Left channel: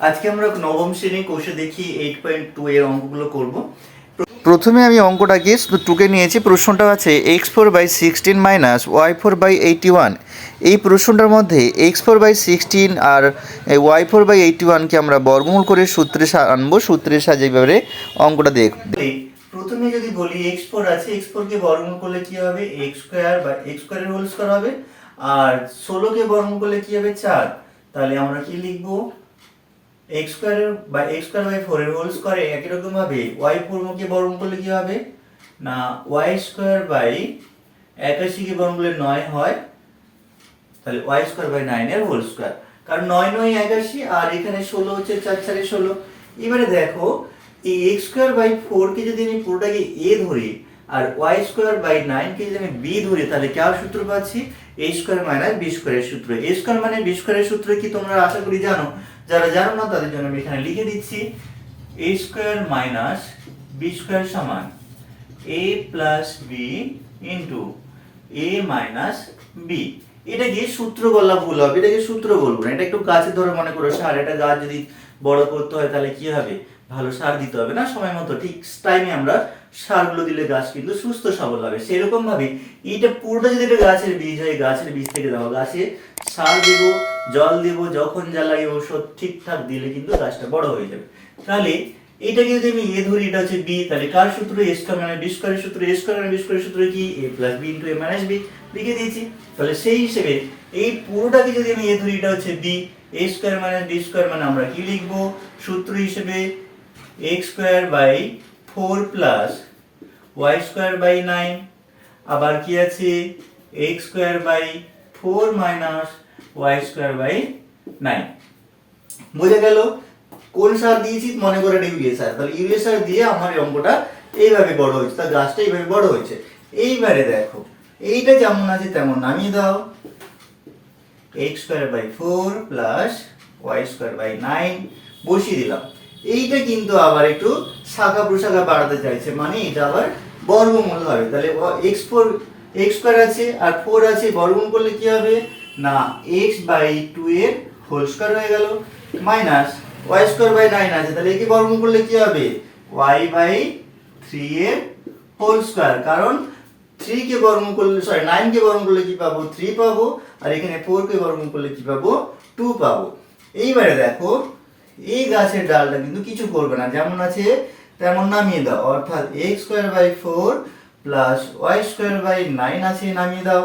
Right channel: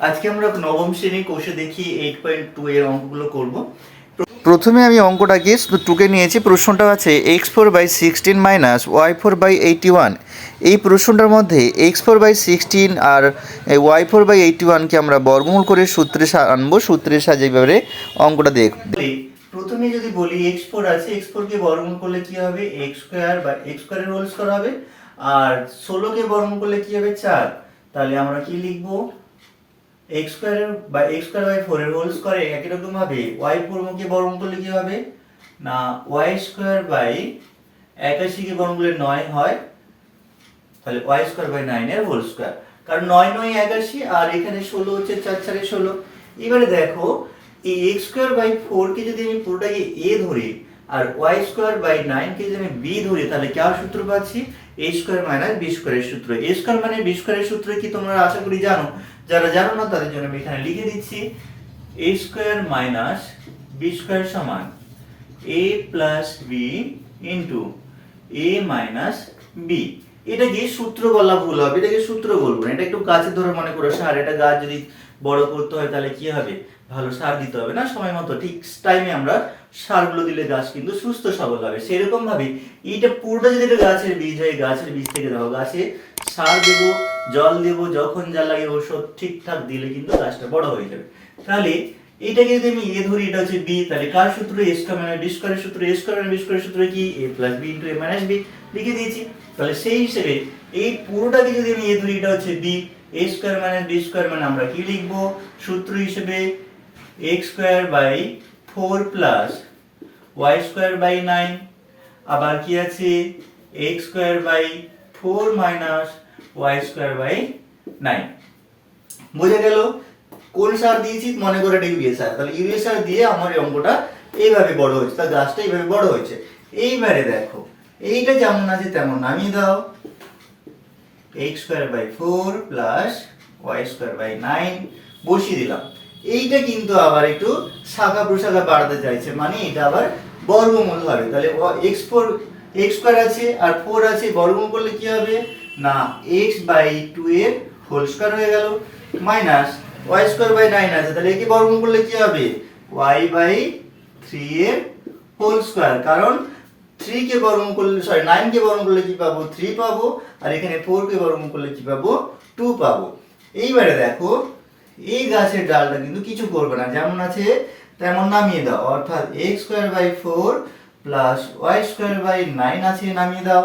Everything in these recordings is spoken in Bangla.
আজকে আমরা নবম শ্রেণি কোষে দেখি এইট পয়েন্ট টু এর অঙ্কগুলো করব। প্রথমে আমি অঙ্কটাকে টুকে নিয়েছি প্রশ্নটা আছে x four by sixteen minus y four by eighty one এই প্রশ্নটার মধ্যে এক্স ফোর বাই সিক্সটিন আর ওয়াই ফোর বাই এইটি ওয়ানকে আমরা বর্গমূল করে সূত্রে আনব সূত্রের সাহায্যে এবারে অঙ্কটা দেখ প্রথমে যদি বলি এক্স ফোর আছে এক্স ফোরকে বর্গমূল করলে কি হবে? এক্স স্কোয়ার বা এক্স স্কোয়ারের হোল স্কোয়ার হবে। আর ষোলোকে বর্গমূল করলে কি হবে? চার। তাহলে আমরা কি লিখব? এক্স স্কোয়ারের বা এক্স স্কোয়ার বাই ফোরের হোল স্কোয়ারে একই রকম ভাবে ওয়াই ফোরকে বর্গমূল করলে কি হবে? না ওয়াই স্কোয়ার বাই একাশিকে বর্গমূল করলে নয় হয়। তাহলে ওয়াই স্কোয়ার বাই নাইনের হোল স্কোয়ার কারণ নয় নয় একাশি আর এখানে ষোলো হচ্ছে চার চারে ষোলো। এবারে দেখো, এই এক্স স্কোয়ার বাই ফোরকে যদি আমি পুরোটাকে এ ধরি, আর ওয়াই স্কোয়ার বাই নাইনকে যদি আমি বি ধরি, তাহলে কার সূত্র পাচ্ছি? এ স্কোয়ার মাইনাস বি স্কোয়ারের সূত্র। এ স্কোয়ার মানে বি স্কোয়ারের সূত্র কি তোমরা আশা করি জানো? যারা জানো না, তাদের জন্য আমি এখানে লিখে দিচ্ছি। A square minus B square সমান A plus B into A minus B এটাকে সূত্র বলা ভুল হবে? এটাকে সূত্র বলব না? এটা একটু গাছের ধরো মনে করো সার। এটা গাছ যদি বড় করতে হয়, তাহলে কি হবে? ভালো সার দিতে হবে না? সময় মতো। ঠিক টাইমে আমরা সারগুলো দিলে গাছ কিন্তু সুস্থ সবল হবে। সেরকম ভাবে এইটা পুরোটা যদি একটা গাছের বীজ হয়, গাছের বীজ থেকে দাও গাছে সার দেবো, জল দেবো, যখন যা লাগে ওষুধ ঠিকঠাক দিলে কিন্তু গাছটা বড় হয়ে যাবে। তাহলে এটাকে যদি আমি এ ধরি, এটা হচ্ছে বি তাহলে কার সূত্র এ স্কোয়ার মানে বি স্কোয়ারের সূত্র? এ স্কোয়ার মানে বি স্কোয়ারের সূত্র কি? A plus B into A minus B লিখে দিয়েছি। তাহলে সেই হিসেবে এই পুরোটাকে যদি আমি এ ধরি, এটা হচ্ছে B A square minus B square মানে আমরা কি লিখব? সূত্র হিসেবে x square by four plus y square by nine, আবার কি আছে? X square by four minus y square by nine. বোঝা গেল? কোন সার দিয়েছি? মনে করে এটা ইউরিয়া সার। তাহলে ইউরিয়া সার দিয়ে আমার এই অঙ্কটা এইভাবে বড় হয়েছে, তার গাছটা এইভাবে বড় হয়েছে। এইবারে দেখো, এইটা যেমন আছে তেমন নামিয়ে দাও। X square by four plus y square by nine, বসিয়ে দিলাম। এইটা কিন্তু আবার একটু শাখা প্রশাখা বাড়াতে চাইছে মানে এটা আবার বর্গমূল হবে। তাহলে এক্স ফোর এক্স স্কোয়ার আছে আর ফোর আছে, বর্গমূল করলে কি হবে? না এক্স বাই টু এর হোল স্কোয়ার হয়ে গেল minus y square by nine আছে, তাহলে একে বর্গমূল করলে কি হবে? ওয়াই বাই থ্রি এর হোল স্কোয়ার কারণ থ্রি কে বর্গমূল করলে সরি নাইন কে বর্গমূল করলে কি পাবো? থ্রি পাবো, আর এখানে ফোর কে বর্গমূল করলে কি পাবো? টু পাবো। এইবারে দেখো এই গাছের ডালটা কিন্তু কিছু করবে না। যেমন আছে, তেমন নামিয়ে দাও। অর্থাৎ x square by four plus y square by nine আছে, নামিয়ে দাও।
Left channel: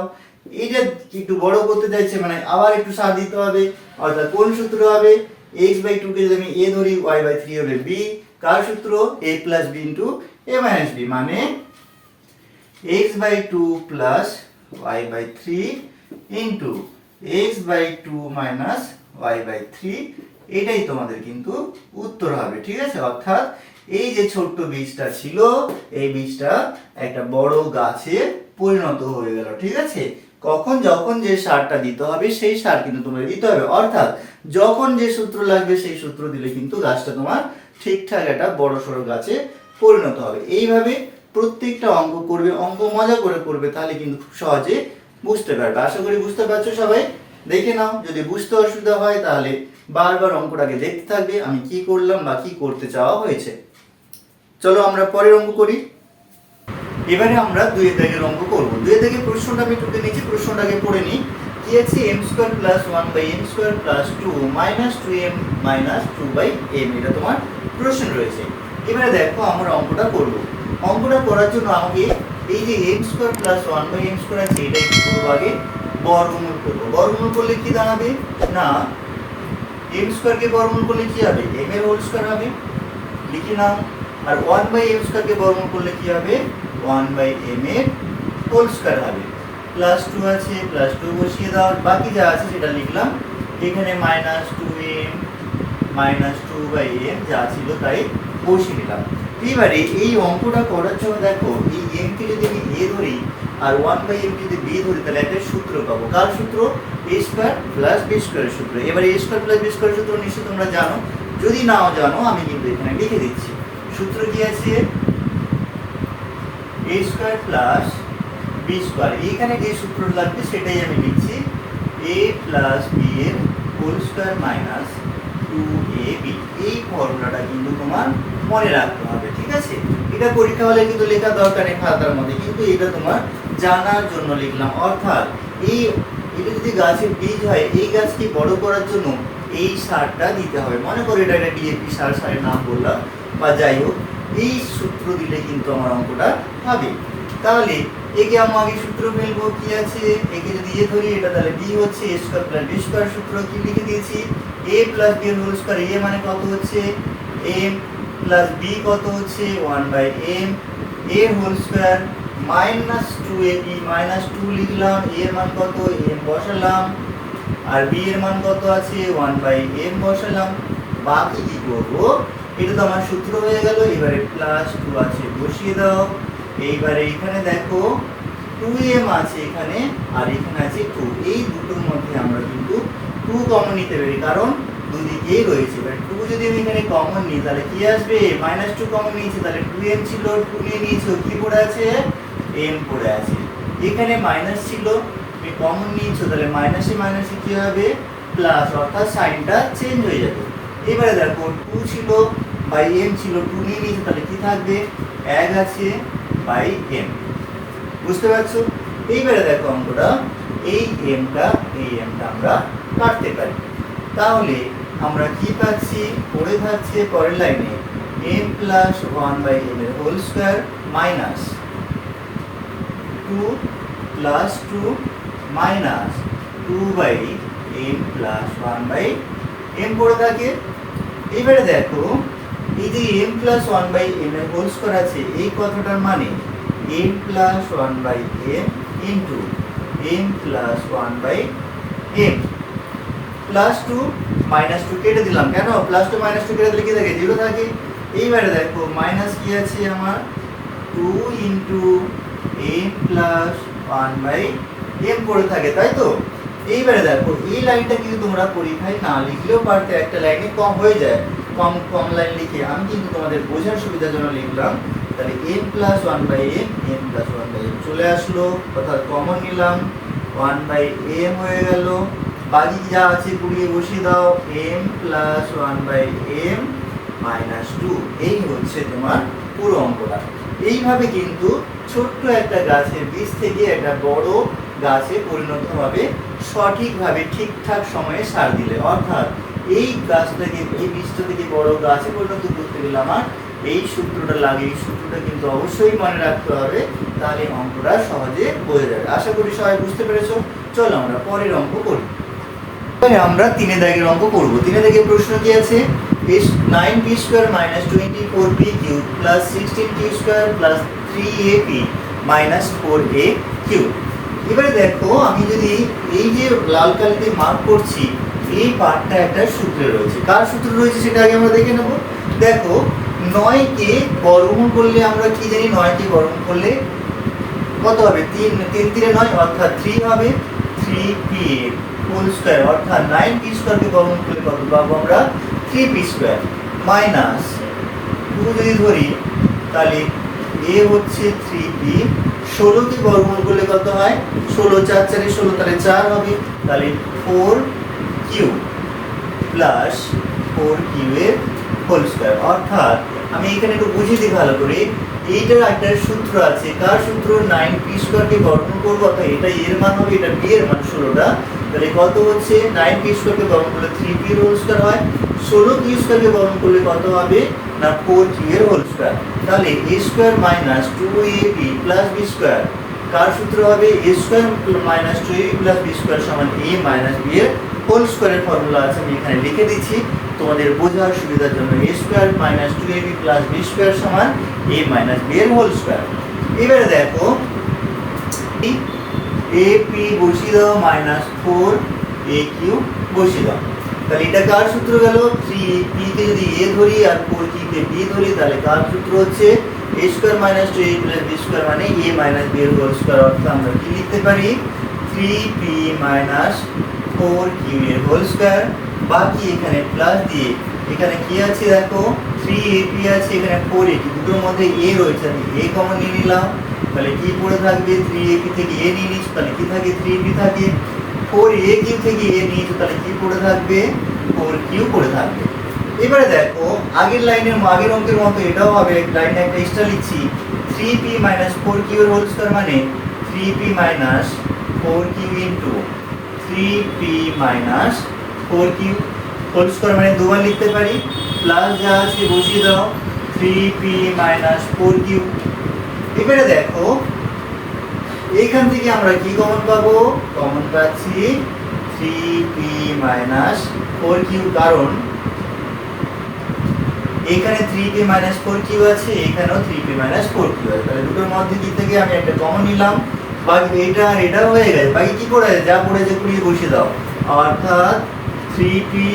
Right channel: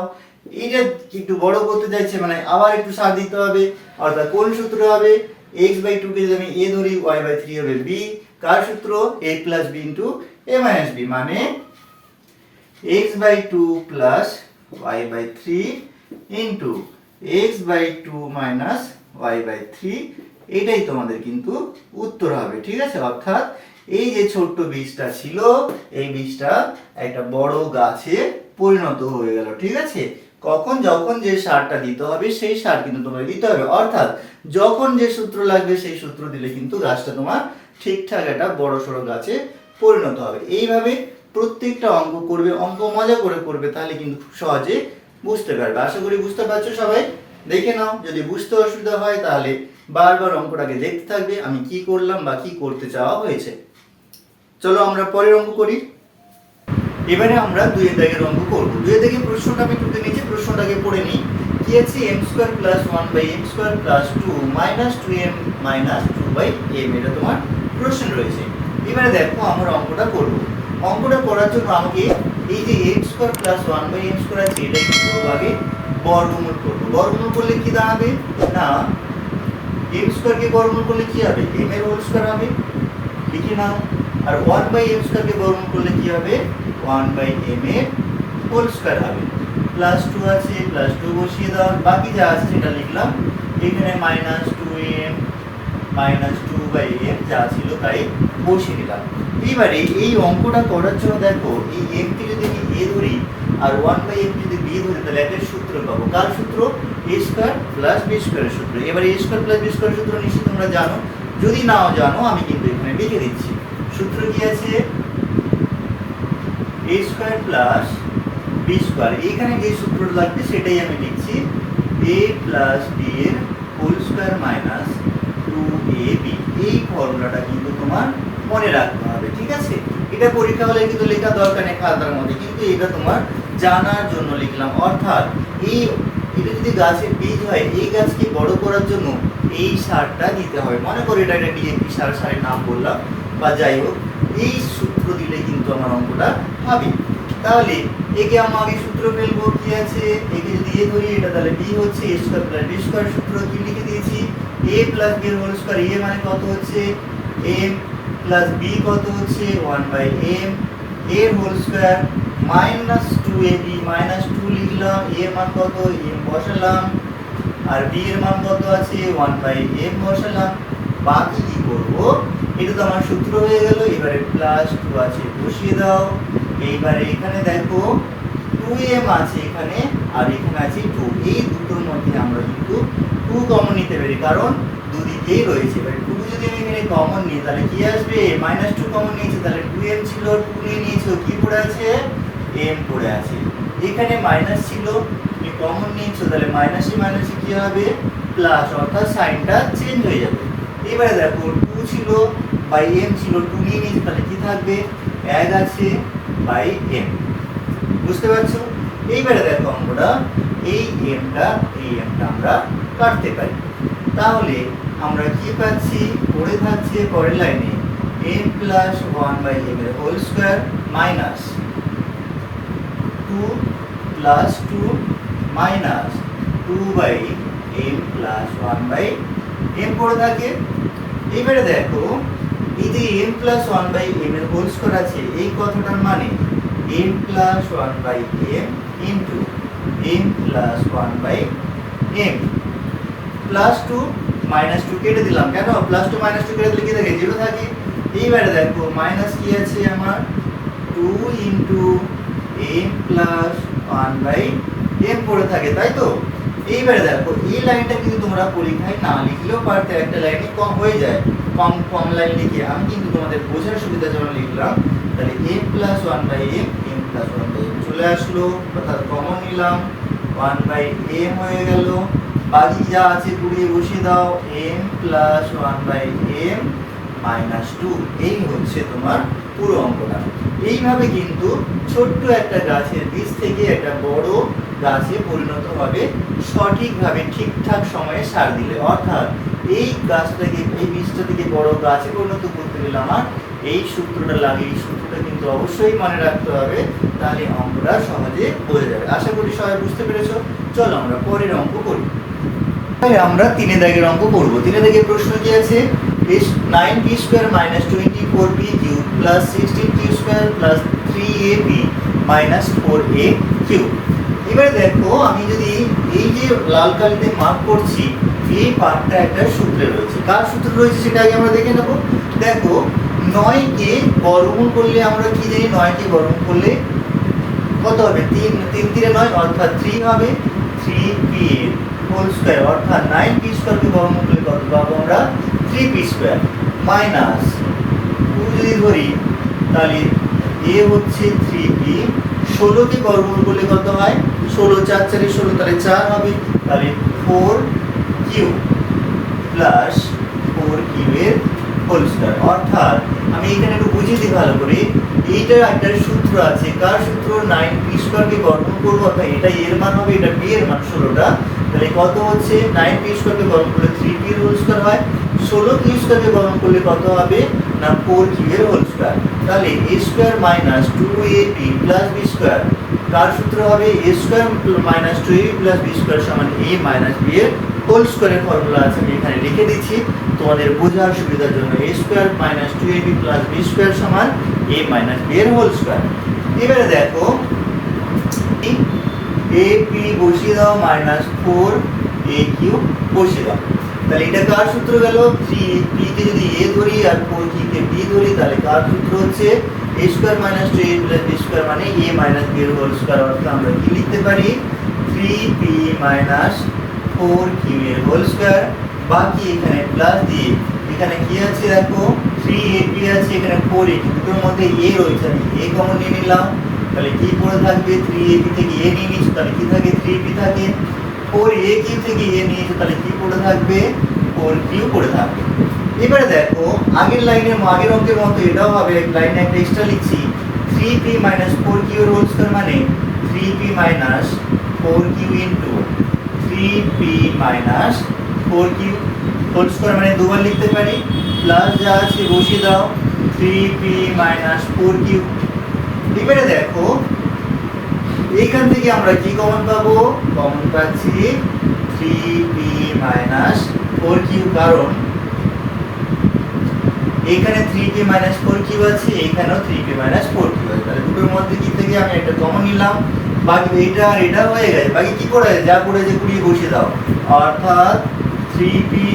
এইটা একটু বড় করতে চাইছে মানে আবার একটু সার দিতে হবে। অর্থাৎ কোন সূত্র হবে? এক্স বাই টুকে যদি আমি এ ধরি ওয়াই বাই থ্রি হবে বি কার সূত্র? A plus B into A minus B মানে x by 2 plus y by 3 into x by 2 minus y by 3 এটাই তোমাদের কিন্তু উত্তর হবে, ঠিক আছে? অর্থাৎ এই যে ছোট্ট বীজটা ছিল, এই বীজটা একটা বড় গাছে পরিণত হয়ে গেল, ঠিক আছে? কখন যখন যে সারটা দিতে হবে, সেই সার কিন্তু তোমাকে দিতে হবে। অর্থাৎ যখন যে সূত্র লাগবে, সেই সূত্র দিলে কিন্তু গাছটা তোমার ঠিকঠাক একটা বড় সড়ো গাছে পরিণত হবে। এইভাবে প্রত্যেকটা অঙ্ক করবে অঙ্ক মজা করে করবে, তাহলে কিন্তু খুব সহজে বুঝতে পারবে। আশা করি বুঝতে পারছ সবাই? দেখে নাও, যদি বুঝতে অসুবিধা হয়, তাহলে বারবার অঙ্কটাকে দেখতে থাকবে, আমি কি করলাম বা কি করতে চাওয়া হয়েছে। চলো আমরা পরের অঙ্ক করি। এবারে আমরা দুই দাগের অঙ্ক করব। দুই দাগের প্রশ্নটা আমি টুকে নিয়েছি, প্রশ্নটাকে পড়ে নিই। কি আছে? M square plus one by M square plus two minus two M minus two by M এটা তোমার প্রশ্ন রয়েছে। এবারে দেখো আমরা অঙ্কটা করব। অঙ্কটা করার জন্য আমাকে এই যে M square plus one by M square আছে, এটা কি করব আগে বর্গমূল করব। বর্গমূল করলে কি দাঁড়াবে? না এম স্কোয়ারকে বর্গমূল করলে কি হবে? এম এর হোল স্কোয়ার হবে। লিখে নাও। আর ওয়ান বাই এম স্কোয়ারকে বর্গমূল করলে কি হবে? ওয়ান বাই এম এর হোল স্কোয়ার হবে। প্লাস টু আছে প্লাস টু বসিয়ে দাও। বাকি যা আছে সেটা লিখলাম। এখানে minus two M minus two by M যা ছিল তাই বসিয়ে দিলাম। এইবারে এই অঙ্কটা করার জন্য দেখো, এই এমকে যদি আমি এ ধরি আর ওয়ান বাই এম যদি বি ধরি, তাহলে একটা সূত্র পাবো। কার সূত্র? এ স্কোয়ার প্লাস বি স্কোয়ারের সূত্র। এবার এ স্কোয়ার প্লাস বি স্কোয়ারের সূত্র নিশ্চয়ই তোমরা জানো। যদি নাও জানো, আমি কিন্তু এখানে লিখে দিচ্ছি। সূত্র কি আছে? A square plus B square এখানে যে সূত্র লাগবে, সেটাই আমি লিখছি। এ প্লাস বি এর whole square minus two A B এই ফর্মুলাটা কিন্তু তোমার মনে রাখতে হবে, ঠিক আছে? এটা পরীক্ষা হলে কিন্তু লেখা দরকার নেই খাতার মধ্যে, কিন্তু এটা তোমার জানার জন্য লিখলাম। অর্থাৎ এই, এটা যদি গাছের বীজ হয়, এই গাছকে বড় করার জন্য এই সারটা দিতে হবে মনে করো এটা একটা ডিএপি সার, সারের নাম বললাম, বা যাই হোক, এই সূত্র দিলে কিন্তু আমার অঙ্কটা হবে। তাহলে একে আমি সূত্র ফেলব, কি আছে? একে যদি এ ধরি, এটা তাহলে বি হচ্ছে A square plus B square সূত্র কি লিখে দিয়েছি? A plus B whole square A মানে কত হচ্ছে? এম প্লাস বি কত হচ্ছে? One by M A whole square minus two A B minus two লিখলাম এ এর মান কত? এম বসালাম। আর বি এর মান কত আছে? ওয়ান বাই এম বসালাম। বাকি কি করব? এটা তো আমার সূত্র হয়ে গেল। এবারে প্লাস টু আছে, বসিয়ে দাও। এইবারে এখানে দেখো টু এম আছে এখানে, আর এখানে আছে টু এই দুটোর মধ্যে আমরা কিন্তু টু কমন নিতে পারি। কারণ দুদিকেই রয়েছে। এবার টু যদি আমি এখানে কমন নিই, তাহলে কি আসবে? মাইনাস টু কমন নিয়েছি, তাহলে টু এম ছিল টু নিয়ে নিয়েছো। কি পড়ে আছে? এম পড়ে আছে। এখানে মাইনাস ছিল, তুমি কমন নিয়েছো, তাহলে মাইনাসে মাইনাসে কি হবে? প্লাস অর্থাৎ সাইনটা চেঞ্জ হয়ে যাবে। এবারে দেখো টু ছিল বাই এম ছিল টু নিয়ে নিয়েছি, তাহলে কি থাকবে? এক আছে বাই এম বুঝতে পারছ? এইবারে দেখো অঙ্কটা, এই এমটা এই এমটা আমরা কাটতে পারি। তাহলে আমরা কি পাচ্ছি? পড়ে থাকছে পরের লাইনে M plus one by M এর whole square minus two plus two minus two by M plus one by M পড়ে থাকে। এবারে দেখো, এই যে M plus one by M এর হোল স্কোয়ার আছে, এই কথাটার মানে M plus one by M into M plus one by M plus two minus two কেটে দিলাম। কেন? প্লাস টু মাইনাস টু কেটে দিলে কি থাকে? জিরো থাকে। এইবারে দেখো মাইনাস কি আছে আমার? Two into M plus one by M পড়ে থাকে, তাই তো? এইবারে দেখো, এই লাইনটা কিন্তু তোমরা পরীক্ষায় না লিখলেও পারতে, একটা লাইনে কম হয়ে যায়, কম কম লাইন লিখে। আমি কিন্তু তোমাদের বোঝার সুবিধার জন্য লিখলাম, তাহলে M plus one by M M plus one চলে আসলো, অর্থাৎ কমন নিলাম ওয়ান বাই এম হয়ে গেল। বাকি যা আছে পুড়িয়ে বসিয়ে দাও M plus one by M minus two এই হচ্ছে তোমার পুরো অঙ্কটা। এইভাবে কিন্তু ছোট্ট একটা গাছের বীজ থেকে একটা বড় গাছে পরিণত হবে, সঠিকভাবে ঠিকঠাক সময়ে সার দিলে। অর্থাৎ এই গাছটাকে এই বীজটা থেকে বড় গাছে পরিণত করতে গেলে আমার এই সূত্রটা লাগে। এই সূত্রটা কিন্তু অবশ্যই মনে রাখতে হবে, তাহলে অঙ্কটা সহজে বোঝা যাবে আশা করি সবাই বুঝতে পেরেছ। চলো আমরা পরের অঙ্ক করি। আমরা তিনে দাগের অঙ্ক করব। তিনে দাগের প্রশ্ন কি আছে? P Q plus sixteen Q square plus three A P minus four A Q এবারে দেখো, আমি যদি এই যে লাল কালিতে মার্ক করছি, এই পার্টটা একটা সূত্রে রয়েছে। কার সূত্র রয়েছে সেটা আগে আমরা দেখে নেব। দেখো, নয়কে বর্গমূল করলে আমরা কি জানি? নয়কে বর্গমূল করলে কত হবে? তিন তিন, তিনে নয়, অর্থাৎ থ্রি হবে। থ্রি পি হোল স্কোয়ার অর্থাৎ নাইন পি স্কোয়ারকে বর্গমূল করলে কত পাবো আমরা? Three P square minus two যদি ধরি, তাহলে এ হচ্ছে থ্রি পি ষোলোকে বর্গমূল করলে কত হয়? ষোলো চার চারে ষোলো, তাহলে চার হবে। তাহলে four Q plus four Q এর হোল স্কোয়ার অর্থাৎ আমি এখানে একটু বুঝিয়ে দিই ভালো করে, এইটার একটা সূত্র আছে। কার সূত্র? নাইন পি স্কোয়ারকে বর্গমূল করব, অর্থাৎ এটা এর মান হবে, এটা বি এর মান ষোলোটা। তাহলে কত হচ্ছে? নাইন পি স্কোয়ারকে বর্গমূল করলে থ্রি পি হোল স্কোয়ার হয়। ষোলো পি স্কোয়ারকে বর্গমূল করলে কত হবে? না ফোর কিউ এর হোল স্কোয়ার তাহলে A square minus two A B plus B square কার সূত্র হবে? A square minus two A plus B square সমান এ মাইনাস বি এর হোল স্কোয়ারের ফর্মুলা আছে। আমি এখানে লিখে দিচ্ছি। তোমাদের বোঝার সুবিধার জন্য A square minus two A B plus B square সমান এ মাইনাস বি এর হোল স্কোয়ার এবারে দেখো এ পি বসিয়ে দাও মাইনাস ফোর এ কিউ বসিয়ে দাও। তাহলে এটা কার সূত্র গেল থ্রি পিতে যদি এ ধরি আর ফোর কিউকে বি ধরি তাহলে কার সূত্র হচ্ছে A square minus two A plus B square মানে এ মাইনাস বি এর হোল স্কোয়ার অর্থাৎ আমরা কি লিখতে পারি three P minus four Q এর হোল স্কোয়ার বাকি এখানে প্লাস দিয়ে এখানে কি আছে দেখো থ্রি এ পি আছে এখানে ফোর এ দুটোর মধ্যে এ রয়েছে আমি এ কমন নিয়ে নিলাম তাহলে কি পড়ে থাকবে থ্রি এ পি থেকে এ নিয়ে নিয়েছো তাহলে কি থাকে থ্রি পি থাকে ফোর এ কিউ থেকে এ নিয়েছো তাহলে কি পড়ে থাকবে? ফোর কিউ করে থাকবে। এবারে দেখো, আগের লাইনের আগের অঙ্কের মতো এটাও হবে লাইনে একটা এক্সট্রা লিখছি। থ্রি পি মাইনাস ফোর কিউর হোল স্কোয়ার মানে three P minus four Q into three P minus four Q whole square মানে দুবার লিখতে পারি। প্লাস যা আছে বসিয়ে দাও three P minus four Q এবারে দেখো এইখান থেকে আমরা কি কমন পাবো? কমন পাচ্ছি three P minus four Q কারণ এখানে three P minus four Q আছে, এখানেও three P minus four Q আছে। তাহলে দুটোর মধ্যে কি থেকে আমি একটা কমন নিলাম? বাকি এটা আর এটা হয়ে গেছে। বাকি কি করে? যা পড়েছে পুড়িয়ে বসিয়ে দাও। অর্থাৎ three P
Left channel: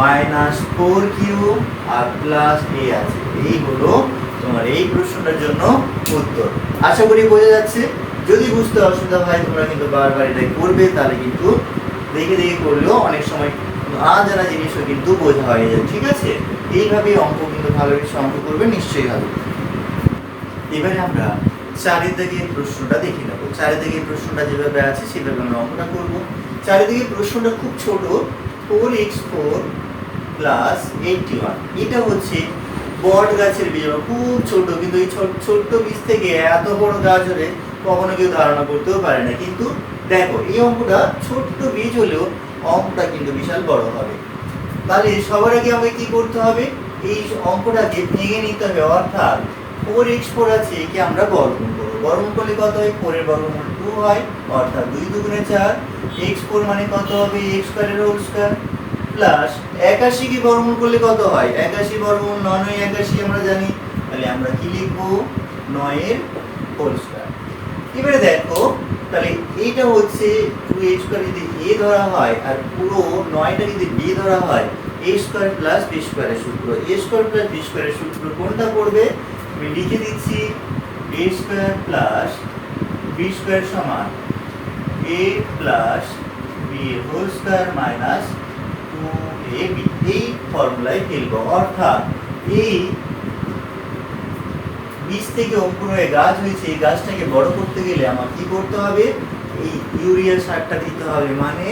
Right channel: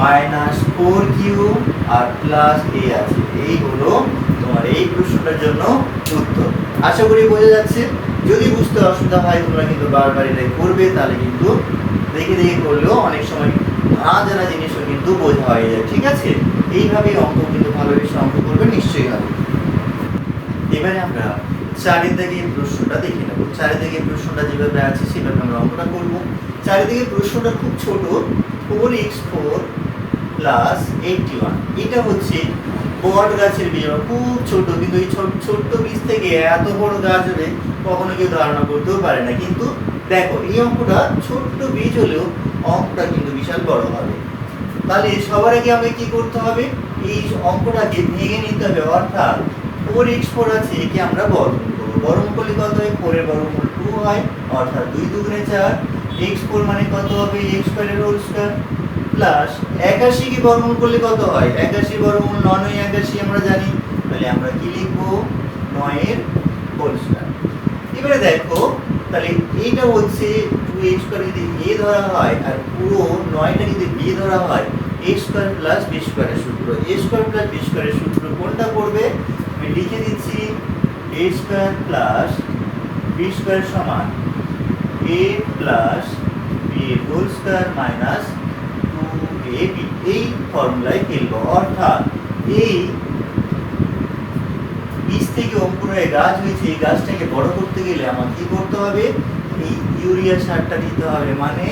minus four Q R plus A আছে। এই হলো তোমার এই প্রশ্নটার জন্য উত্তর। আশা করি বোঝা যাচ্ছে। যদি বুঝতে অসুবিধা হয়, তোমরা কিন্তু বারবার এটাই করবে, তাহলে কিন্তু দেখে দেখে করলেও অনেক সময় না জানা জিনিসও কিন্তু বোঝা হয়ে যায়। ঠিক আছে? এইভাবেই অঙ্ক কিন্তু ভালোবেসে অঙ্ক করবে, নিশ্চয়ই হবে। এবারে আমরা চারিদিকে প্রশ্নটা দেখে নেব। চারিদিকে প্রশ্নটা যেভাবে আছে, সেভাবে আমরা অঙ্কটা করব। চারিদিকে প্রশ্নটা খুব ছোট four x four plus eighty one এটা হচ্ছে বট গাছের বীজ খুব ছোট, কিন্তু এই ছোট ছোট্ট বীজ থেকে এত বড় গাছ হলে কখনো কেউ ধারণা করতেও পারে না। কিন্তু দেখো, এই অঙ্কটা ছোট্ট বীজ হলেও অঙ্কটা কিন্তু বিশাল বড় হবে। তাহলে সবার আগে আমাকে কি করতে হবে? এই অঙ্কটাকে ভেঙে নিতে হবে, অর্থাৎ ফোর এক্স ফোর আছে একে আমরা বর্গমূল করব। বর্গমূল করলে কত হয়? ফোরের বর্গমূল টু হয়, অর্থাৎ দুই দুগুণে চার। এক্স ফোর মানে কত হবে? এক্স স্কোয়ারের হোল স্কোয়ার প্লাস একাশিকে বর্গমূল করলে কত হয়? একাশি বর্গমূল নয় একাশি আমরা জানি। তাহলে আমরা কি লিখব? নয়ের হোল স্কোয়ার এবারে দেখো, তাহলে এইটা হচ্ছে টু এ স্কোয়ার যদি এ ধরা হয় আর পুরো নয়টা যদি বি ধরা হয় এ স্কোয়ার প্লাস বি স্কোয়ারের সূত্র। এ স্কোয়ার প্লাস বি স্কোয়ারের সূত্র কোনটা পড়বে? আমি লিখে দিচ্ছি A square plus B square সমান A plus B whole square minus A এই ফর্মুলায় ফেলব অর্থাৎ এই বীজ থেকে অঙ্কুর হয়ে গাছ হয়েছে, এই গাছটাকে বড় করতে গেলে আমার কি করতে হবে? এই ইউরিয়া সারটা দিতে হবে। মানে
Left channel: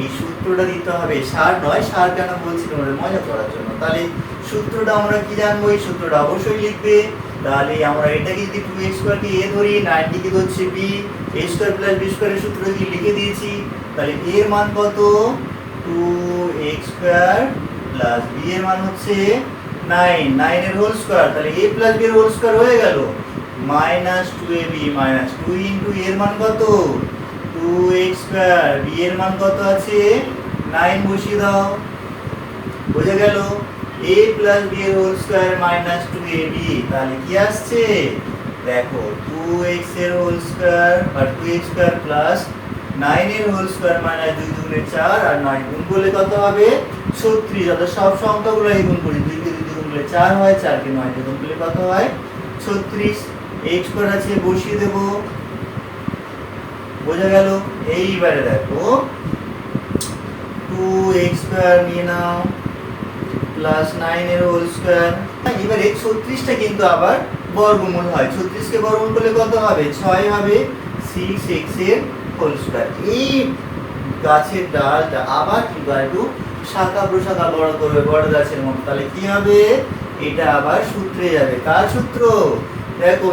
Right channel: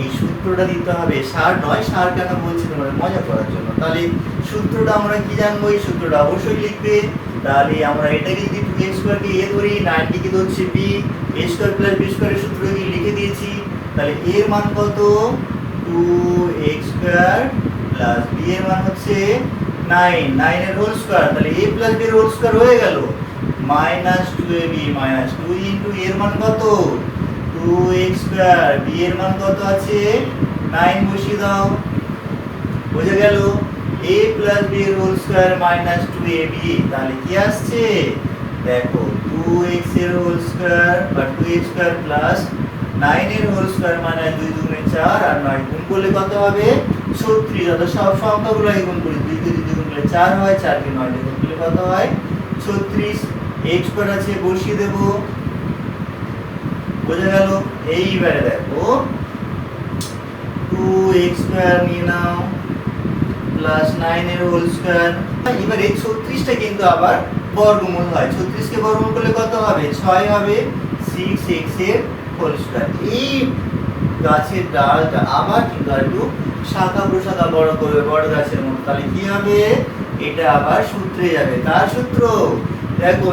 এই সূত্রটা দিতে হবে। সার নয়, সার কেন বলছি তোমাদের মজা করার জন্য? তাহলে সূত্রটা আমরা কি জানব? এই সূত্রটা অবশ্যই লিখবে। তাহলে আমরা এটাকে যদি টু এক্স স্কোয়ারকে এ ধরি নাইনটিকে ধরছি B A square plus B স্কোয়ারের সূত্র যদি লিখে দিয়েছি। তাহলে এর মান কত? Two x square plus B এর মান হচ্ছে নাইন নাইনের হোল স্কোয়ার তাহলে এ প্লাস বি এর হোল স্কোয়ার হয়ে গেল minus two A B minus two into এর মান কত টু এক্স স্কোয়ার বি এর মান কত আছে নাইন বসিয়ে দাও বুঝে গেল এ প্লাস বি এর whole square minus two A B তাহলে কি আসছে দেখো টু এক্সের হোল স্কোয়ার বা two X square plus nine এর হোল স্কোয়ার মাইনাস দুই দুগুণে চার আর নয় গুণ করলে কত হবে? ছত্রিশ। অর্থাৎ সব সংখ্যাগুলো গুণ করি। দুই কে দুই গুণ করলে চার হয় চারকে নয় গুণ করলে কত হয়? ছত্রিশ। এক্স স্কোয়ার আছে বসিয়ে দেবো। বোঝা গেল? এইবারে দেখো টু এক্স নিয়ে নাও প্লাস নাইন এর হোল স্কোয়ার এবারে ছত্রিশটা কিন্তু আবার বর্গমূল হয়। ছত্রিশকে বর্গমূল করলে কত হবে? ছয় হবে। সিক্স এক্সের হোল এই গাছের ডালটা আবার কিন্তু আর একটু শাখা প্রশাখা বড় করবে, বড় গাছের মতো। তাহলে কি হবে? এটা আবার সূত্রে যাবে। কার সূত্র দেখো,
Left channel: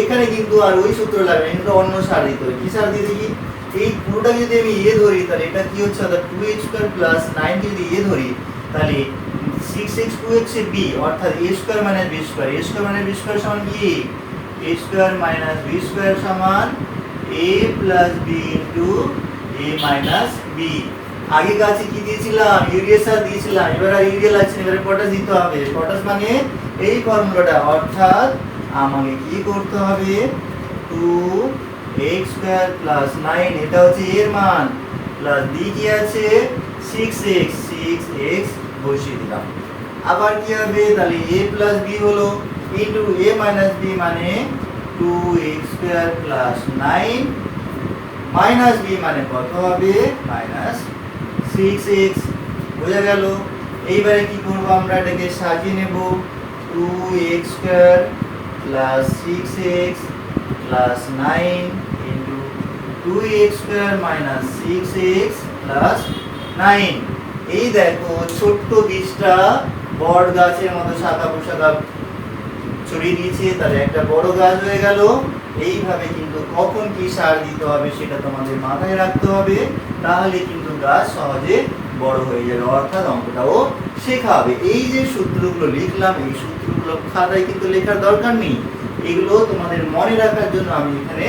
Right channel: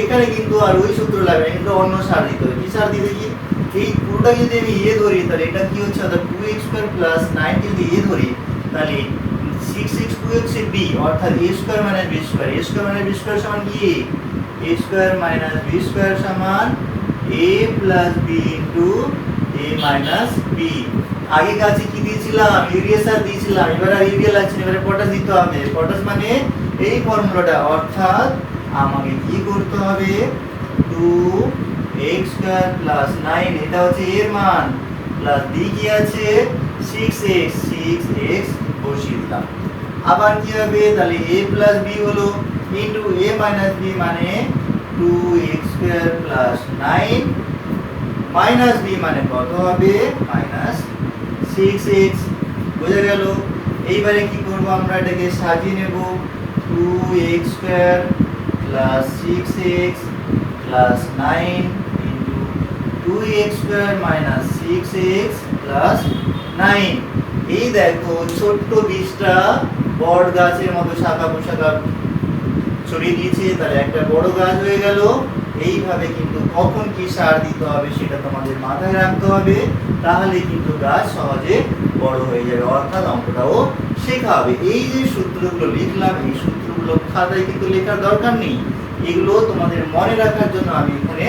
এখানে কিন্তু আর ওই সূত্র লাগবে কিন্তু অন্য সার দিতে হবে। কি সার দিতে কি এই পুরোটা যদি আমি ইয়ে ধরি, তাহলে এটা কি হচ্ছে? অর্থাৎ two X square plus nine যদি ইয়ে ধরি, তাহলে six X two X B অর্থাৎ A square minus B square A square minus B square সমান কি? A square minus B square সমান A plus B into A minus B আগে গাছে কি দিয়েছিলাম? ইউরিয়া সার দিয়েছিলাম। এবার আর ইউরিয়া লাগছে এবারে পটাশ দিতে হবে। পটাশ মানে এই ফর্মুলাটা। অর্থাৎ আমাকে কি করতে হবে? Two X square plus nine এটা হচ্ছে এর মান। প্লাস বি কি আছে? সিক্স এক্স সিক্স এক্স বসিয়ে দিলাম। আবার কি হবে? তাহলে এ প্লাস বি হলো। ইন্টু এ মাইনাস বি মানে two X square plus nine minus B মানে কত হবে? মাইনাস সিক্স এক্স বোঝা গেল? এইবারে কি করব আমরা? এটাকে সাজিয়ে নেব। Two X square plus X plus nine into two X square minus X plus nine এই দেখো ছোট্ট বীজটা বট গাছের মতো শাখা পোশাখা। ছড়িয়ে দিয়েছে, তাহলে একটা বড় গাছ হয়ে গেল। এইভাবে কিন্তু কখন কি সার দিতে হবে সেটা তোমাদের মাথায় রাখতে হবে, তাহলে কিন্তু গাছ সহজে বড় হয়ে যাবে, অর্থাৎ অঙ্কটাও শেখা হবে। এই যে সূত্রগুলো লিখলাম, এই সূত্রগুলো খাতায় কিন্তু লেখার দরকার নেই। এগুলো তোমাদের মনে রাখার জন্য আমি এখানে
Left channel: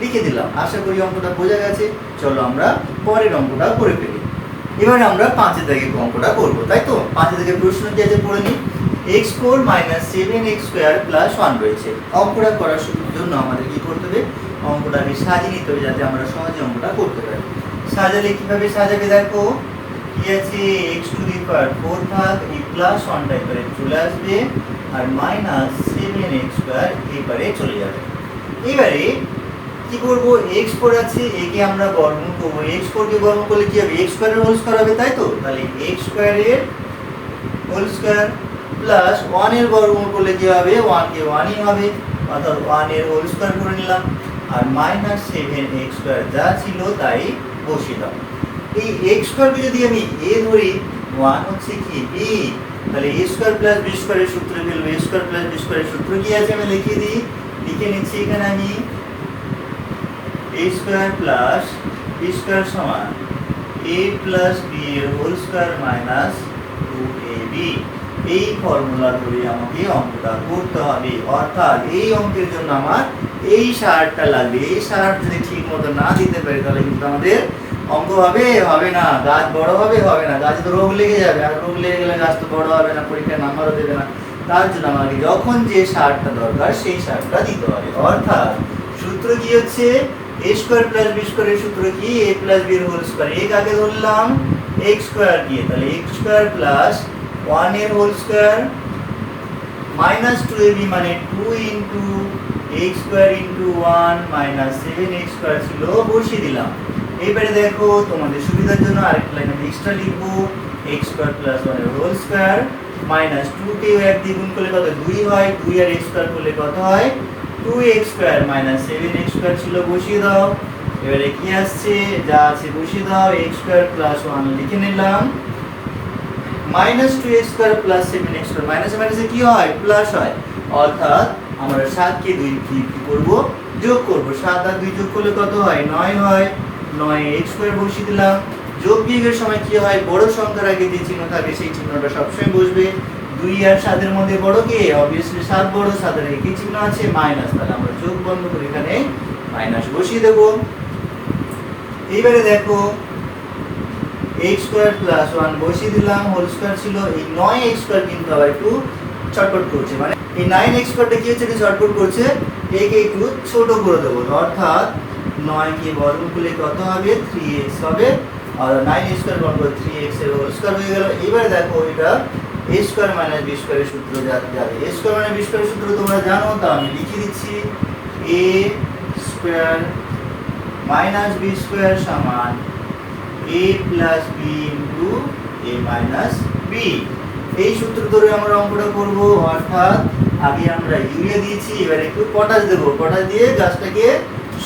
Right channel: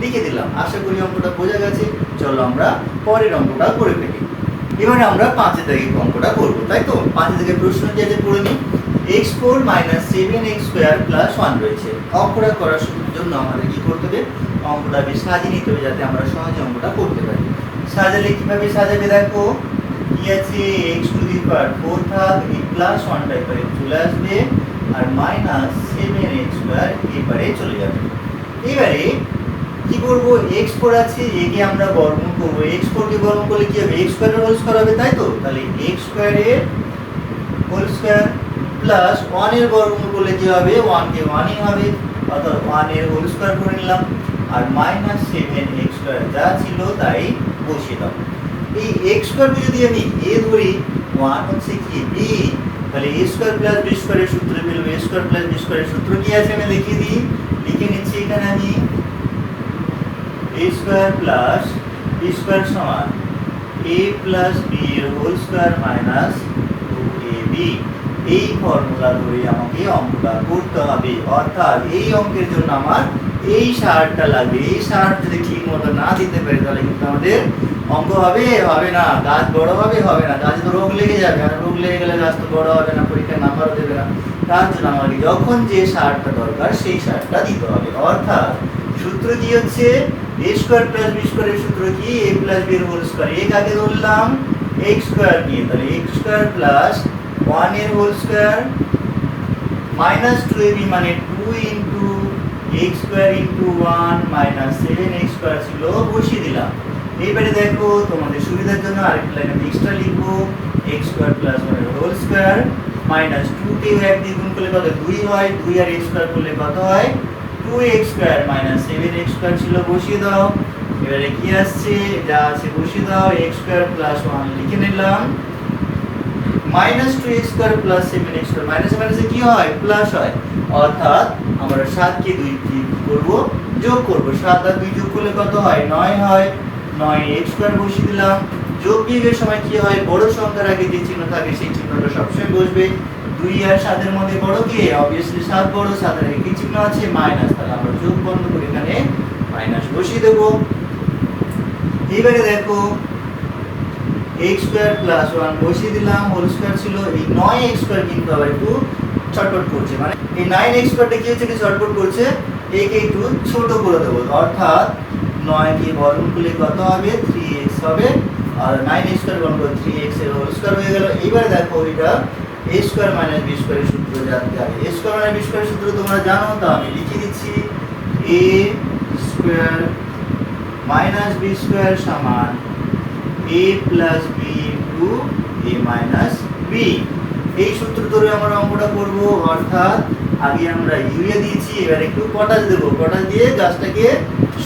লিখে দিলাম। আশা করি অঙ্কটা বোঝা গেছে। চলো আমরা পরের অঙ্কটা করে ফেলি। এবারে আমরা পাঁচের দাগে অঙ্কটা করব, তাই তো? পাঁচের দাগে প্রশ্ন আছে পড়ে নিই। X four minus seven X square plus one রয়েছে। অঙ্কটা করার জন্য আমাদের কি করতে হবে? অঙ্কটাকে সাজিয়ে নিতে হবে যাতে আমরা সহজে অঙ্কটা করতে পারি। সাজালে কীভাবে সাজাবে দেখো? কি আছে? X to the power four থাক এই প্লাস ওয়ানটা এবারে চলে আসবে আর মাইনাস সেভেন এক্স স্কোয়ার এবারে চলে যাবে। এবারে কি করব? এক্স ফোর আছে একে আমরা বর্গমূল করব। এক্স ফোর কে বর্গমূল করলে কি হবে? এক্স স্কোয়ারের হোল স্কোয়ার হবে, তাই তো? তাহলে এক্স স্কোয়ারের হোল স্কোয়ার প্লাস ওয়ানের বর্গমূল করলে কি হবে? ওয়ান কে ওয়ানই হবে। অর্থাৎ ওয়ানের হোল স্কোয়ার করে নিলাম। আর মাইনাস সেভেন এক্স স্কোয়ার যা ছিল তাই বসিয়ে দাও। এই এক্স স্কোয়ারকে যদি আমি এ ধরি, ওয়ান হচ্ছে কি? বি। তাহলে এ স্কোয়ার প্লাস বি স্কোয়ারের সূত্র ফেলব এ স্কোয়ার প্লাস বি স্কোয়ারের সূত্র কি আছে? আমি লিখে দিই। লিখে নিচ্ছি এখানে আমি। A square plus B square সমান এ প্লাস বি এর whole square minus two A B. এই ফর্মুলা ধরে আমাকে অঙ্কটা করতে হবে। অর্থাৎ এই অঙ্কের জন্য আমার এই সারটা লাগবে। এই সার যদি ঠিক মতো না দিতে পারি, তাহলে কিন্তু আমাদের অঙ্ক হবে হবে না। গাছ বড় হবে হবে না। গাছে তো রোগ লেগে যাবে, আর রোগ লেগে গেলে গাছ তো বড় হবে না পরীক্ষায় নাম্বারও দেবে না। তার জন্য আমাকে যখন যে সারটা দরকার, সেই সারটা দিতে হবে। অর্থাৎ সূত্র কি হচ্ছে? এ স্কোয়ার প্লাস বি স্কোয়ারের সূত্র কি? A plus B whole square A কাকে ধরলাম এক্স স্কোয়ার দিয়ে। তাহলে এক্স স্কোয়ার প্লাস ওয়ানের whole square minus two A B মানে two into X square into one minus seven X square ছিল, বসিয়ে দিলাম। এইবারে দেখো তোমাদের সুবিধার জন্য আরেকটা লাইন আমি এক্সট্রা লিখব। এক্স স্কোয়ার প্লাস ওয়ানের হোল স্কোয়ার মাইনাস টু কে এক দিয়ে গুণ করলে কত? দুই হয়। দুই আর এক্স স্কোয়ার করলে কত হয়? Two X square minus seven X square ছিল, বসিয়ে দাও। এবারে কি আসছে? যা আছে বসিয়ে দাও। এক্স স্কোয়ার প্লাস ওয়ান লিখে নিলাম। Minus two X square plus seven X square মাইনাসে মাইনাসে কি হয়? প্লাস হয়। অর্থাৎ আমরা সাতকে দুই কি করব? যোগ করব। সাত আর দুই যোগ করলে কত হয়? নয় হয়। নয় এক্স স্কোয়ার বসিয়ে দিলাম। যোগ বিয়োগের সময় কি হয়? বড় সংখ্যার আগে যে চিহ্ন থাকে, সেই চিহ্নটা সবসময় বসবে। দুই আর সাতের মধ্যে বড় কে? অবভিয়াসলি সাত বড়, সাতের আগে কি চিহ্ন আছে? মাইনাস তাহলে আমরা যোগ বন্ধ করে এখানে মাইনাস বসিয়ে দেবো। এইবারে দেখো এক্স স্কোয়ার প্লাস ওয়ান বসিয়ে দিলাম হোল স্কোয়ার ছিল, এই নয় এক্স স্কোয়ার কিন্তু আবার একটু চটপট করছে। মানে এই নাইন এক্স স্কোয়ারটা কি হচ্ছে, কি চটপট করছে? একে একটু ছোট করে দেবো। অর্থাৎ নয় কে বর্গ করলে কত হবে? থ্রি এক্স হবে। আর নাইন স্কোয়ার বর্গ থ্রি এক্সের হোল স্কোয়ার হয়ে গেল। এবারে দেখো এটা এ স্কোয়ার মাইনাস বি স্কোয়ারের সূত্র জানতে হবে। এ স্কোয়ার মাইনাস বি স্কোয়ারের সূত্র তোমরা জানো, তো আমি লিখে দিচ্ছি। A square minus B square সমান a plus B into A minus B এই সূত্র ধরে আমরা অঙ্কটা করব, অর্থাৎ আগে আমরা ইউরিয়া দিয়েছি, এবার একটু পটাশ দেবো। পটাশ দিয়ে গাছটাকে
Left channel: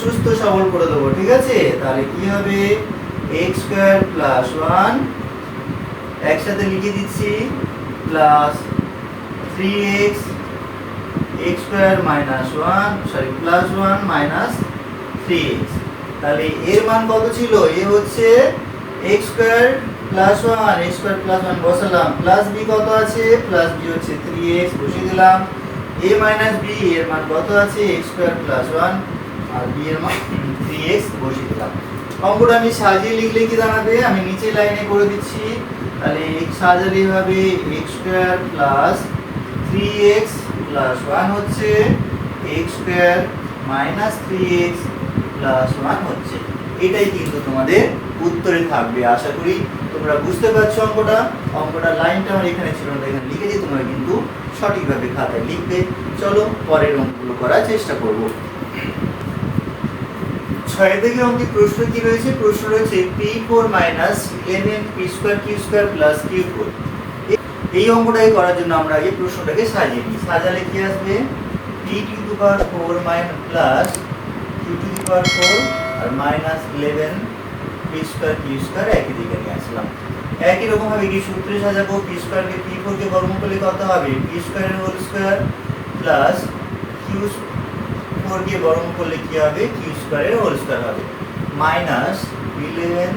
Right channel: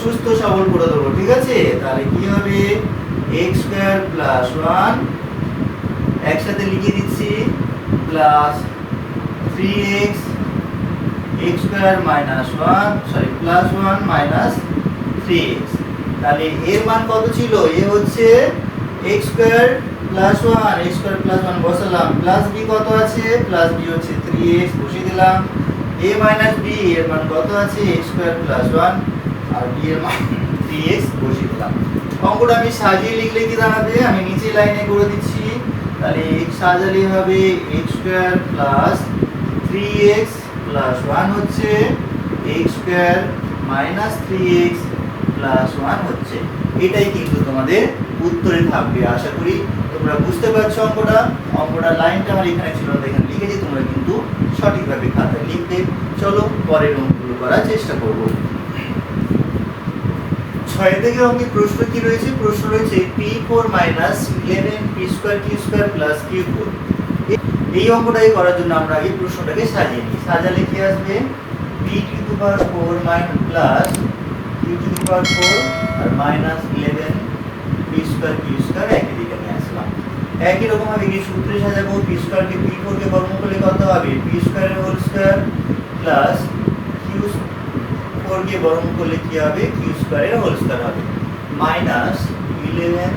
সুস্থ সবল করে দেবো, ঠিক আছে? তাহলে কি হবে? এক্স স্কোয়ার প্লাস ওয়ান একসাথে লিখে দিচ্ছি plus three X X square minus one sorry plus one minus three X তাহলে এর মান কত ছিল? এ হচ্ছে X square plus one X square plus one বসালাম। প্লাস বি কত আছে? প্লাস বি হচ্ছে থ্রি এক্স বসিয়ে দিলাম। এ মাইনাস বি এর মান কত আছে? এক্স স্কোয়ার প্লাস ওয়ান আর বি এর মান থ্রি এক্স বসিয়ে দিলাম। অঙ্কটা আমি সাজিয়ে লিখলে কি দাঁড়াবে? আমি নিচে লাইনে করে দিচ্ছি। তাহলে এক্স সাজালে হবে X square plus three X plus one হচ্ছে X square minus three X plus one হচ্ছে। এটাই কিন্তু তোমাদের উত্তরে থাকবে। আশা করি তোমরা বুঝতে পারছ অঙ্কটা। অঙ্কটা লাইনটা আমার এখানে ছিল না, এখানে লিখেছি, তোমরা কিন্তু সঠিকভাবে খাতায় লিখবে চলো, পরের অঙ্কগুলো করার চেষ্টা করব। ছয় থেকে অঙ্কে প্রশ্ন কি রয়েছে? প্রশ্ন রয়েছে P four minus eleven P square Q square plus Q four এই অঙ্কটাই করার জন্য আমরা আগে প্রশ্নটাকে সাজিয়ে নিই। সাজালে কি আসবে? P to the power four minus plus Q to the power four R minus eleven P square Q square একই দিকে নিয়ে আসলাম। একই রকম ভাবে কি সূত্রে সাজাবো পি স্কোয়ারকে পি ফোরকে বর্গমূল করলে কত হবে? পি স্কোয়ারের হোল স্কোয়ার প্লাস কিউ ফোরকে বর্গমূল করলে কি হবে? কিউ স্কোয়ারের হোল স্কোয়ার হবে। Minus eleven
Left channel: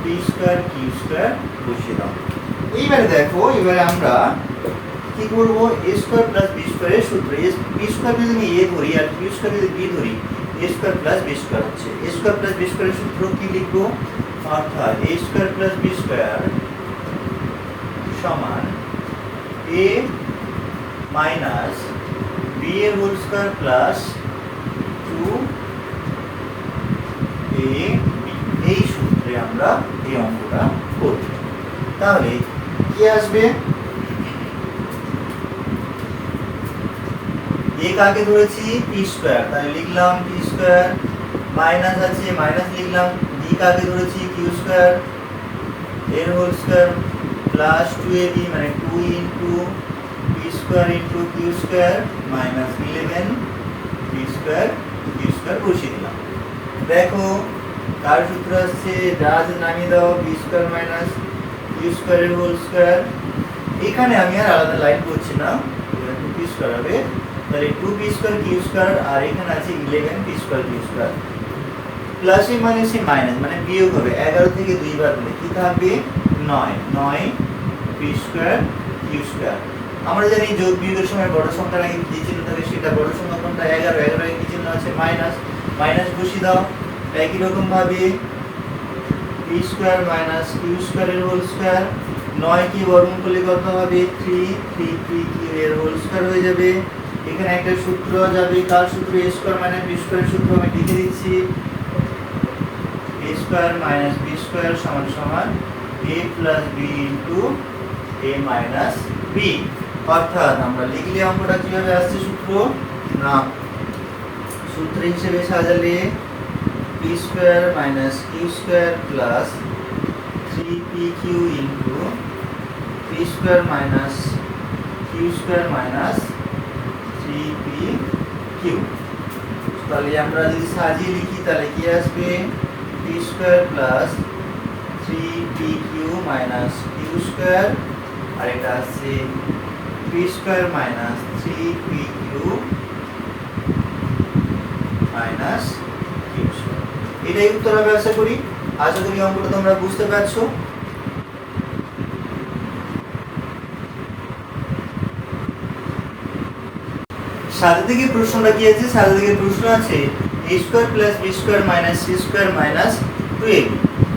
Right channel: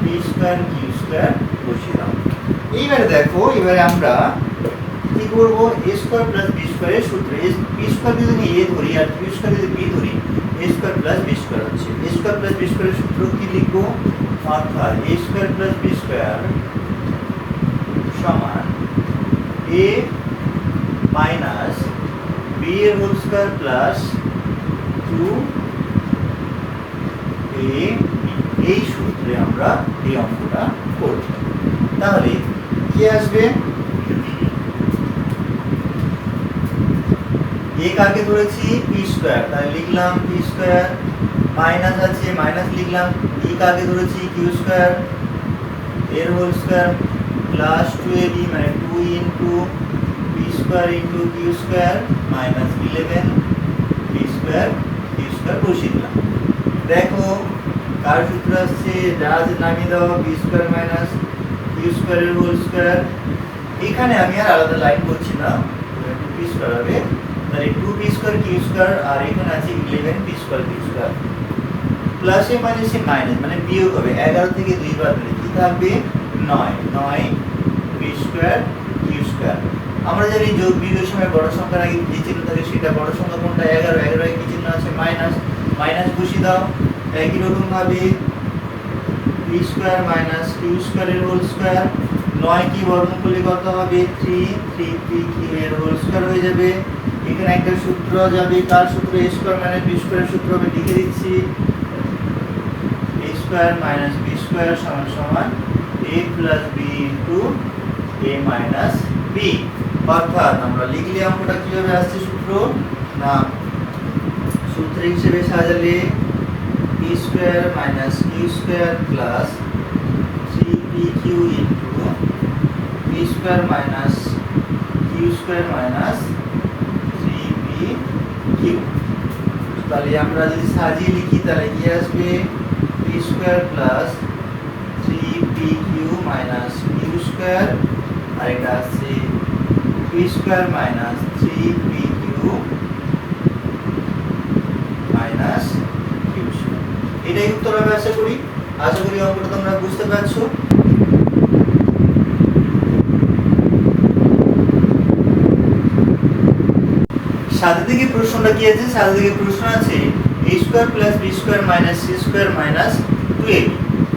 P square Q square বসিয়ে দাও এইবারে দেখো এবারে আমরা কি করব? এ স্কোয়ার প্লাস বি স্কোয়ারের সূত্র বি স্কোয়ার যদি আমি এ ধরি আর বি স্কোয়ার যদি বি ধরি A square plus B square হচ্ছে এ স্কোয়ার প্লাস বি স্কোয়ারের সূত্র কি লিখব অর্থাৎ A square plus B square সমান এ মাইনাস বি এর whole square plus two A এই সূত্রে আমরা এই অঙ্কটা করব তাহলে কি আসবে এ কাকে ধরেছি পি স্কোয়ার তাহলে লিখলাম পি স্কোয়ার মাইনাস আছে মাইনাস লিখলাম বি কাকে ধরেছি কিউ স্কোয়ার এর whole square plus two A B মানে two into P square into Q square minus eleven P square Q square বসিয়ে দিলাম। দেখো কার সূত্র আসছে যা নামিয়ে দাও বি স্কোয়ার মাইনাস কিউ স্কোয়ারের হোল স্কোয়ার এখানে আমি আর আলাদা লাইন করছি না টু পি স্কোয়ার হবে। তাহলে two P square Q square আর এখানে আছে eleven P square Q square প্লাসে মাইনাসে মাইনাস মানে বিয়োগ হবে এগারো থেকে দুই বার দিলে কি থাকবে নয় নয় পি স্কোয়ার কিউ স্কোয়ার আমরা জানি যোগ বিয়োগের সময় বড় সংখ্যার আগে যে চিহ্ন থাকে সেটা বড় সংখ্যা কোনটা এগারো এগারো কি চিহ্ন আছে মাইনাস মাইনাস বসিয়ে দাও একই রকম ভাবে পি স্কোয়ার মাইনাস কিউ স্কোয়ারের হোল স্কোয়ার নয় কি বর্গমূল করলে কত হবে থ্রি থ্রি পি কিউ এর হোল স্কোয়ার হয়ে যাবে এখানে একটা সূত্র যাবে, কার সূত্র? এ স্কোয়ার মাইনাস বি স্কোয়ারের সূত্র আমি লিখে দিচ্ছি। A square minus B square সমান সমান A plus B into A minus B অর্থাৎ আমরা লিখলে অঙ্কটা কীভাবে আসছে সূত্র? না, সূত্র হিসেবে সাজালে P square minus Q square plus three P Q into P square minus Q square minus three P তাহলে আমরা যদি সাজিয়ে লিখি, তাহলে কি আসবে? P square plus three P Q minus Q square আর এটা আসছে P square minus three P Q minus Q square এটাই উত্তর হবে, আশা করি। আশা করি অঙ্কটা তোমরা বুঝতে পারছ। সাথে থেকে প্রশ্নটা কি আছে? সাথে থেকে প্রশ্ন আছে A square plus B square minus C square minus two A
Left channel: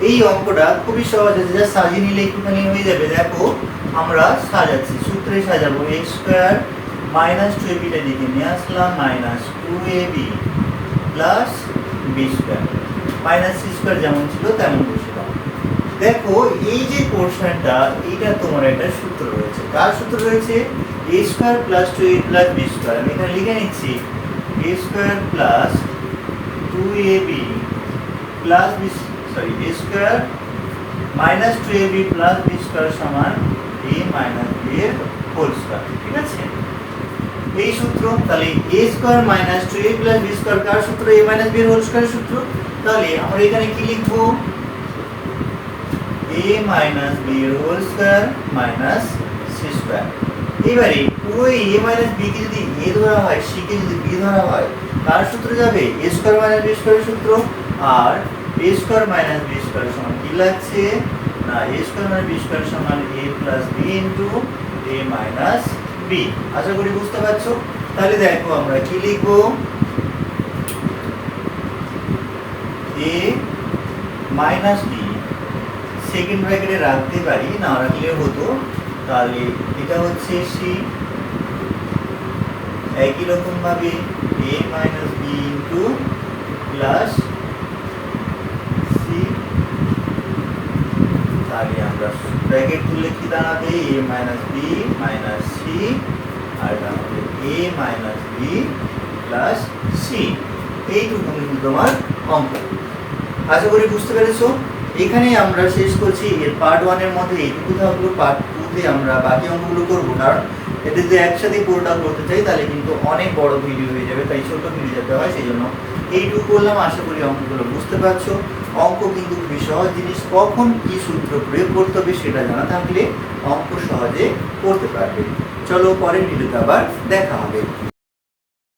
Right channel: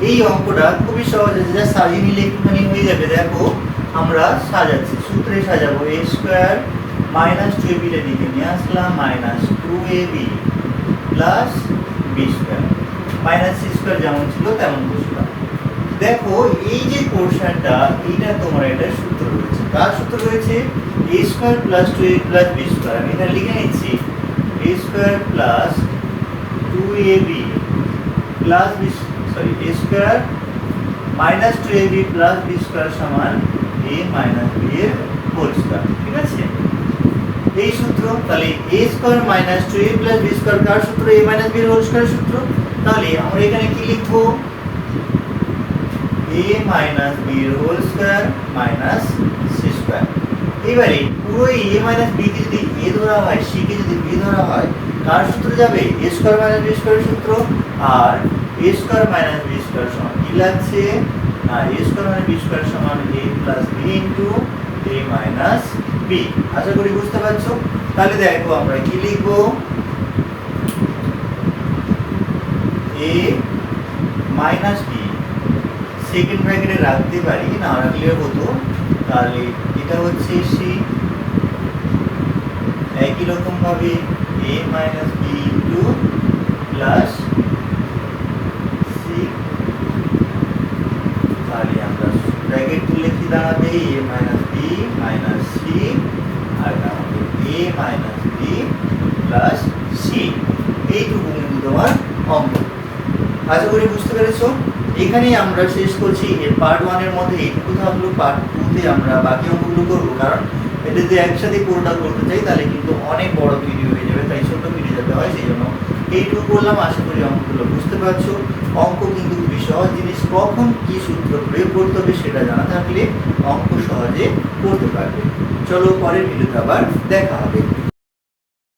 এই অঙ্কটা খুবই সহজ আছে, যা সাজিয়ে নিলে একটুখানি হয়ে যাবে। দেখো, আমরা সাজাচ্ছি, সূত্রে সাজাবো। A square minus two A beta দিকে নিয়ে আসলাম minus two A B plus B square minus C square যেমন ছিল, তেমন বসলাম। দেখো, এই যে পোর্শনটা এইটা তোমার একটা সূত্র রয়েছে। কার সূত্র রয়েছে? A square plus two A plus B square আমি এখানে লিখে নিচ্ছি A square plus two A B plus B sorry A square minus two A B plus B square সমান এ মাইনাস বি এর হোল স্কোয়ার ঠিক আছে? এই সূত্র, তাহলে A square minus two A plus B square কার সূত্র? এ মাইনাস বি এর হোল স্কোয়ার সূত্র? তাহলে আমরা এখানে কি লিখব? এ মাইনাস বি এর whole square minus C square এবারে পুরো এ মাইনাস বি কে যদি এ ধরা হয় সি কে যদি বি ধরা হয়, কার সূত্র যাবে? এ স্কোয়ার মাইনাস বি স্কোয়ারের সূত্র। আর A square minus B square সমান কি লাগছে? না A square minus B square সমান A plus B into A minus B আশা করি বুঝতে পারছ? তাহলে দেখো আমরা কি লিখব? এ মাইনাস বি সেকেন্ড ব্র্যাকেটে রাখতে পারি, না রাখলেও হতো। তাহলে এটা হচ্ছে সি একই রকম ভাবে A minus B into plus C তাহলে আমরা ব্র্যাকেট তুললে কি দাঁড়াবে A minus B minus C আর হবে A minus B plus C এইটুকু কিন্তু তোমার অঙ্ক। আশা করি বুঝতে পেরেছ? এখানে আমরা শেষ করছি। এর পার্ট ওয়ানের মধ্যে এইটুকু থাকল পার্ট টুতে আমরা বাকি অঙ্কগুলো করব। কারণ এতে যদি একসাথে পুরোটা করতে চাই, তাহলে কিন্তু অনেক বড় ভিডিও হয়ে যাবে। তাই ছোট ভিডিও যেতে হয়, সেই জন্য এইটুকু করলাম। আশা করি অঙ্কগুলো বুঝতে পারছ। অঙ্ক কিন্তু খুবই সহজ জিনিস। কখন কি সূত্র প্রয়োগ করতে হবে সেটা জানা থাকলে অঙ্ক সহজে করতে পারবে। চলো পরের ভিডিওতে আবার দেখা হবে।